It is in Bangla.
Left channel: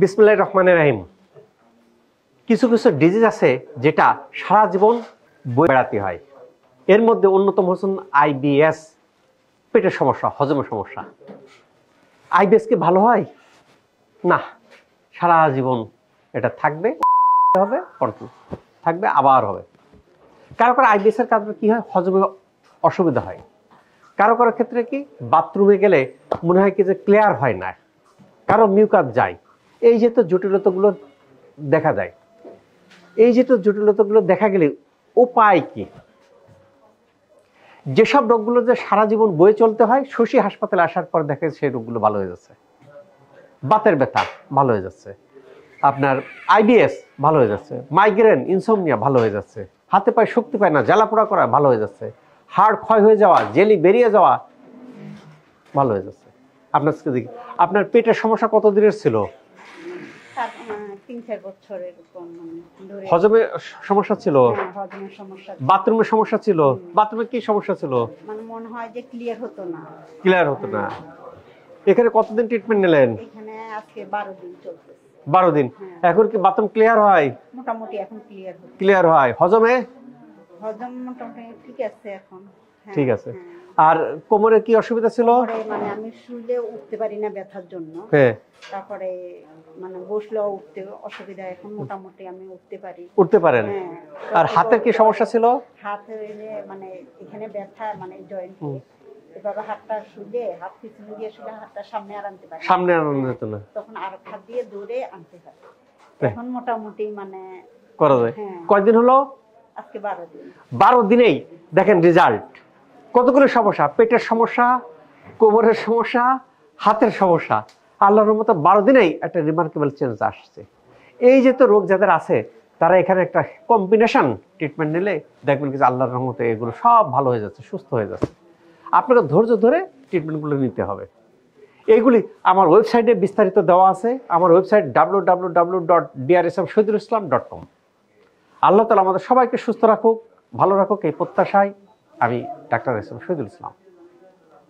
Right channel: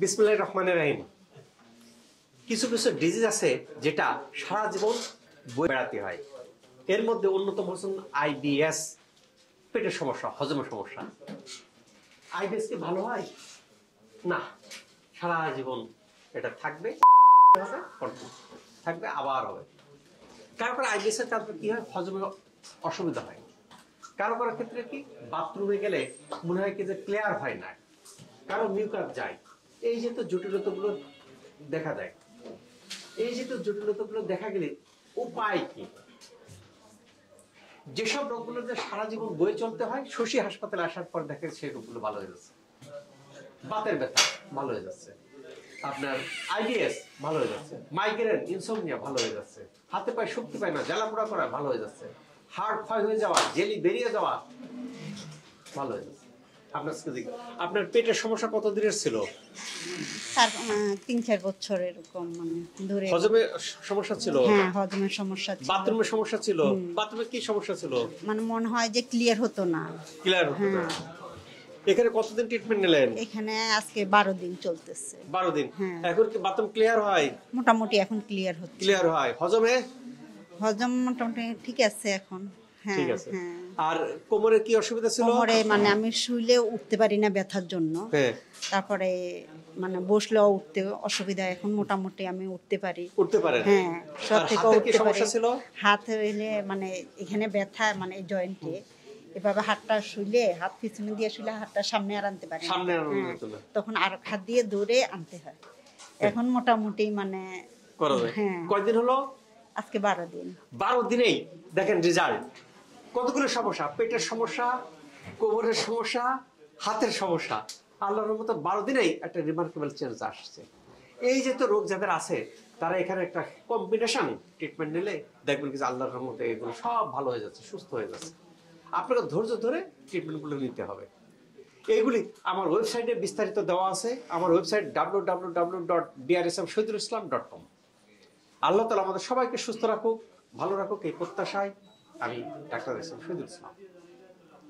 বিসমিল্লাহির রহমানির রহিম। কিছু কিছু ডিজিজ আছে যেটা সারা জীবন বয়ে বেড়াতে হয়। এর মধ্যে অন্যতম হচ্ছেন আইবিএস, পেটের সমস্যা, হজমের সমস্যা। আইবিএস কি ভালো হয়? না, সারা জীবন এটা থাকবে, হবে, থাকবে, আবার হবে। কারো কারো আইবিএস এর কারণে কি হয়? হজমে অসুবিধা হয়। কারো কারো ক্ষেত্রে কি বাথরুমে গেলে মনে হয় কি যে ক্লিয়ার হয় না, কারো মিউকাস যায়। এই যে তো জটিলতাগুলো দেখা যায়, দেখা গেলে উপায় কি? যেসব রোগগুলো যে সারা জীবন বয়ে চলতে হয়, শশী হাসপাতালে আসার পর দেখে সেই রোগগুলো ভালো হয়ে যাচ্ছে। বাতের ব্যথা ভালো হয়ে যাচ্ছে, আপনার আইবিএস ভালো হয়ে যাচ্ছে, মাইগ্রেন, ইনসোমনিয়া ভালো হয়ে যাচ্ছে, হাতে পায়ে শক্তি পায় না, জ্বালাপোড়া করা ভালো হয়ে যাচ্ছে, হাড় ক্ষয় হয়ে যাওয়া, জেলি বেরিয়ে যাওয়া ভালো হয়ে যাচ্ছে। আপনার পেটের সমস্যা কত দিনের ছিল? 3-4 বছর এরকম ধরে। হজমের সমস্যা ছিল? হ্যাঁ, হজমের সমস্যা ছিল। বাথরুমের সমস্যা ছিল? বাথরুমে কি সমস্যা ছিল? মনে হয় যে ক্লিয়ার হতো না। এখানে কতদিন ট্রিটমেন্ট নিলেন? এখানে আজকে 12 দিন চলতেছে। 12 দিন। এখন কি বাথরুম ক্লিয়ার হয়? মোটামুটি এখন ক্লিয়ার হচ্ছে। ক্লিয়ার হয়। হজম মোটামুটি ঠিক আছে এখন। হ্যাঁ, ঠিক আছে। আর কোমরে কি অসুবিধা ছিল? কোমরে আমি শুইলে উঠতে পারি না ব্যথার জন্য। তারপরে বসলেও উঠতে অসুবিধা, এখন মোটামুটি আমি উঠতে পারি। উঠতে পারেন? হ্যাঁ। আর হাতের কি সমস্যা ছিল? হাতে এখানে ব্যথা, জয়েন্টে এভাবে হাতটা শুইলে, হাত পিছনে দিয়ে শুইলে হাতটা সামনে আর আনতে পারি, সামনে আনতে যেত না, তখন আর হাত দিয়ে ধরে আনতে হয়। এখন মোটামুটি করা যায়। কয়দিন হলো? আজকে 12 দিন। 12 দিনেই দেখেন রেজাল্ট। কতগুলো সমস্যা, পেটের সমস্যা, কোমরের সমস্যা, হাতের সমস্যা, আল্লাহর রহমতে 12 দিনেই একটা রিমার্কেবল চেঞ্জ আসছে। এই যে তো রোগ যাদের আছে তারা এখানে একটা কম্বিনেশন ট্রিটমেন্ট নিলে দেখবেন কি আল্লাহর রহমতে এগুলো সব ভালো হয়ে যাচ্ছে, সুস্থ হয়ে যাচ্ছে। আপনাকে ধৈর্য ধরে ট্রিটমেন্টগুলো নিতে হবে। এইগুলি আমার ওয়েবসাইটে বিস্তারিত দেওয়া আছে। আমার ওয়েবসাইট www.drsmshhidulislam.com। আল্লাহ তাআলা আমাদের সবাইকে সুস্থ রাখুক, ভালো রাখুক, এই প্রত্যাশায় আমি doctor S M Shahidul Islam.